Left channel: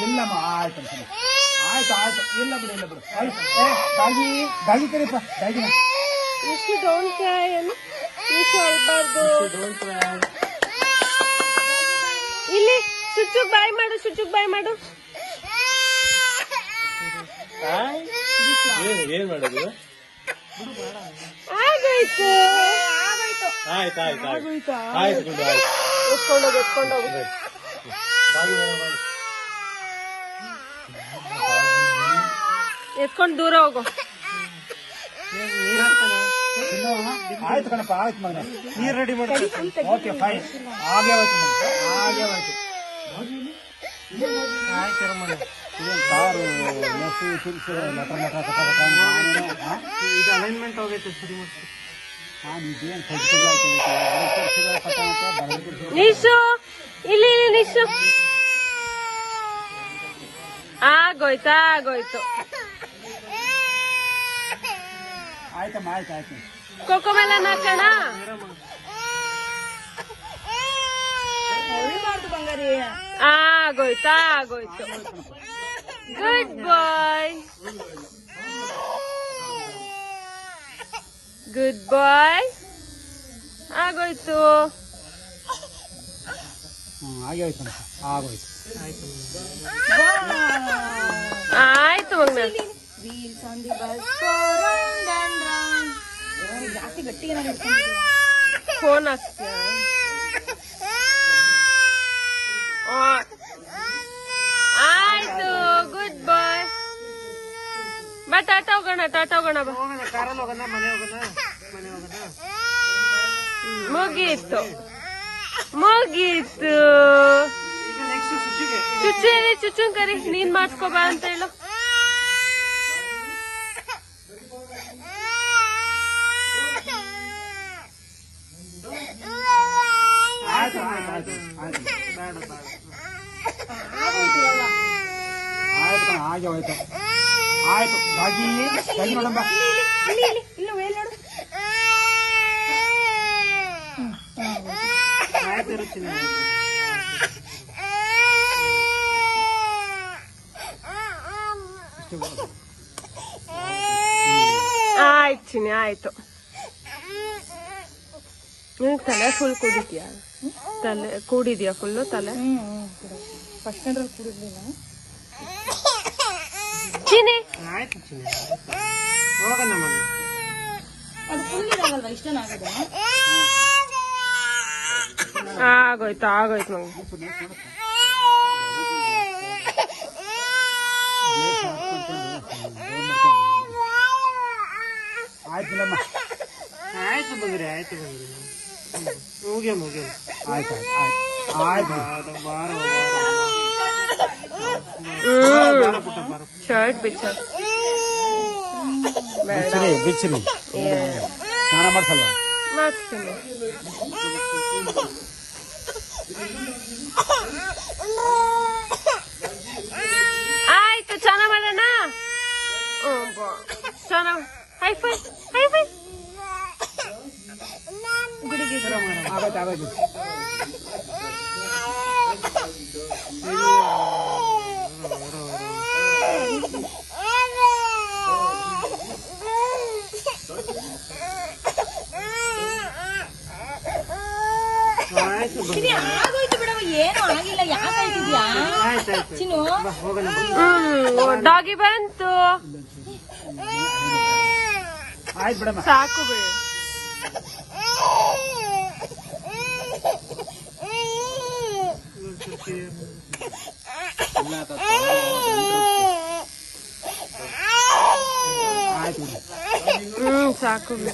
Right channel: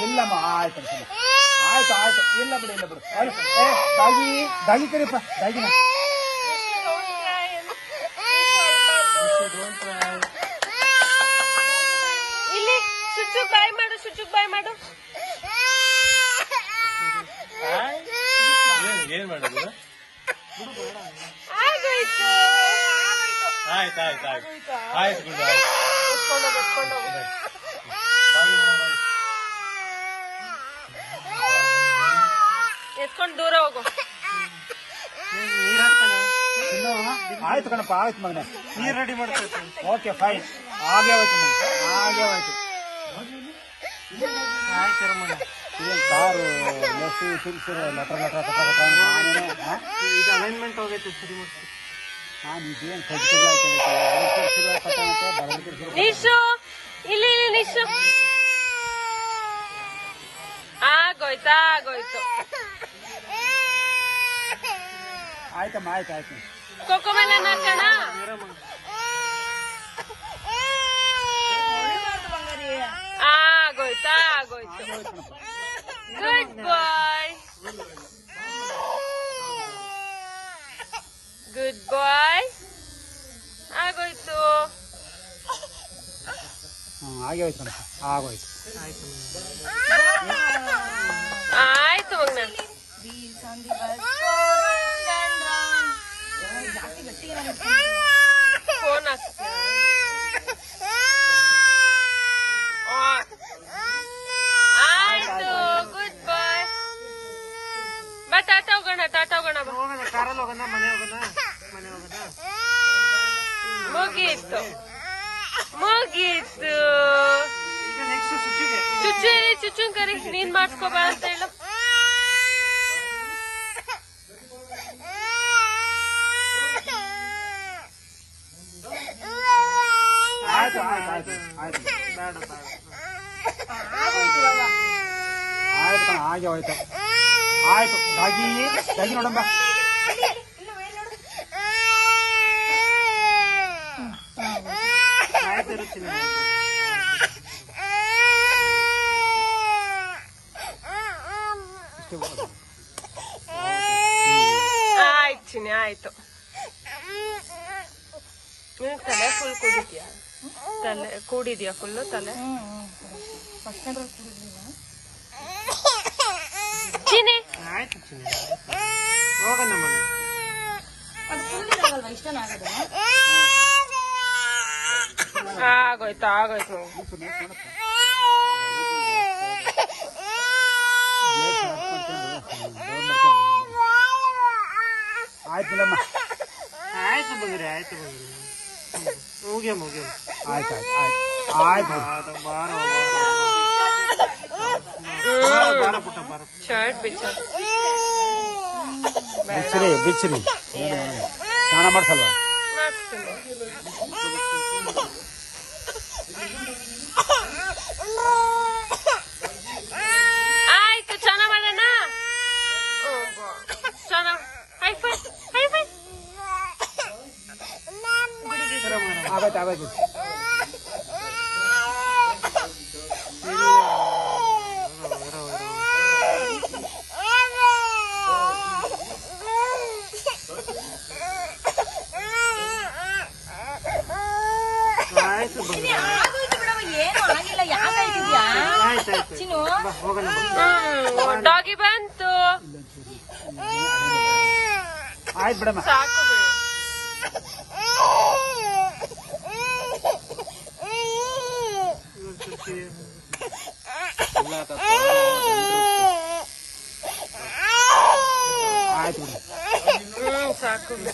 ಇಲ್ಲಮ್ಮ ಆಯ್ತು ಆಯ್ತು ಆಯ್ತು ಇಲ್ಲ ಬಿಡು ಇಲ್ಲ ಬಿಡು ದಾಗಿ ದಾಗಿ ಕರಿಯಪ್ಪ ದಾಗಿನ ಇಲ್ಲಿ ಸುಚ್ಚುಗ್ ಬಾಯ್ ಮಾಡು ಸುಚ್ಚುಗ್ ಬಾಯ್ ಮಾಡು ಏನ್ ಮಾಡೋದು ಆಯ್ತು ಆಯ್ತು ಆಯ್ತು ಆಯ್ತು ಆಯ್ತು ಬಿಡು ಆಯ್ತು ಎತ್ಕೊಂಡೋಗು ಎತ್ಕೊಂಡು ದೂರ ಹೋಗು ಆಯ್ತು ಕಣಪ್ಪ ಆಯ್ತು ಮಗನ ನೀರ್ ರೆಡಿ ಮಾಡ್ತೀನಿ. ಓಕೆ ಫೈನ್ ಹಾಗೆ ಹೋಯ್ತು ಹಾಗೆ ಹೋಯ್ತು ಆಯ್ತು ರಮಣ. ಕಾರು ಮೆಸ್ಸು ತಿರ್ಸಿದ್ರೆ ಲಟರ್ ಇದು ಅಲೈನ್ಮೆಂಟ್ ಹೋಗೈತೆ ಸರಿ ಮಾಡ್ತೀನಿ. ನಾನು ಇದೇನು ಖರ್ಚು ಆಯ್ತು ನಿಶು ಇಲ್ಲಿ ನಿಶು ಆಗೋಯ್ತು ಆಗೋಯ್ತು ಆಯ್ತಮ್ಮ ಆಯ್ತು ಆಯ್ತು ಕೋಕೋ ಮೆಲನ್ ಹಾಕೋಣ ಆಗೋಯ್ತು ಆಗೋಯ್ತು ಗುಡ್ ಬಾಯ್ ಗುಡ್ ಬಾಯ್ ಆಗೋಯ್ತು ಹಾಗೆ ಹೋಯ್ತು ಕಣಪ್ಪ ಆಗೋಯ್ತು ಆಯ್ತು ಮಗನ ಫೋನ್ ಹಾಕ್ತೀನಿ ಆಯ್ತು ಗುಡ್ ಬಾಯ್ ಬಾ ಟಾಟಾ ಹೋಗೋಣ ಬಾ ಹೋಗೋಣ ಕಾರಲ್ಲಿ ಹೋಗೋಣ ಮನೆ ಹೋಗೋಣ ಮುಗೀತು ಮುಗೀತು ಈಗ ನೆಕ್ಸ್ಟ್ ಸುಚ್ಚುಗೆ ಚುಚ್ಚುನ್ ಕರಿ ನೀನ್ ಮಾಡ್ಸ್ಕೊಬಾ ಅಂತ ಹೇಳು ಆಯ್ತು ಆಯ್ತು ಆಯ್ತು ಬೇಡ ಬೇಡ ಆಯ್ತು ಕಣ ಹಾಗೆ ಹೋಯ್ತು ಆಯ್ತು ದಾಗಿ ದಾಗಿ ನೋಡಮ್ಮ ಆಯ್ತು ರುಚಿ ಆಯ್ತು ಚಿನಿ ಆಯ್ತು ನೀನ್ ತಲೆ ಫುಲ್ ಕುಡಿದ್ಯಾ ತಲೆ ಕೂಡಿದ್ಯಾ ಫುಲ್ಲು ತಲೆ ಚಿನಿ ಆಯ್ತು ಚಿನ್ನ ಹೋಗೋಣ ಮನೆ ಆಗೋಯ್ತು ಆಗೋಯ್ತು ಮಗ ಆಯ್ತಿಲ್ಲಮ್ಮ ಆಯ್ತು ಬಂದ್ರಿ ಮುಗಿಯ ಆಯ್ತು ಆಯ್ತು ಆಯ್ತು ಬಾರ ಪುಟ್ಟ ಬಾರ ಶರ್ಟ್ ಬಿಚ್ಚ ಬಿಚ್ಚಿರಿ ಸ್ನಾನ ಮಾಡ್ಸಲ್ವಾ ಆಯ್ತು ಚೆನ್ನಾಗ್ ಮಾಡೋಣ ಚೆನ್ನಾಗ್ ಹೈಫೈ ಆಗೈತೆ ಆಗೈತೆ ಆಯ್ತು ಬಂದ್ರಿ ಆಯ್ತಾಯ್ತು ಹೋಗೋಣ ಡಾಗಿ ಬಂತು ಆಯ್ತು ಬಿಡಮ್ಮ ಸಾಕು ಬಿಡು ಆಯ್ತು ಸಾಕು ಬಿಡು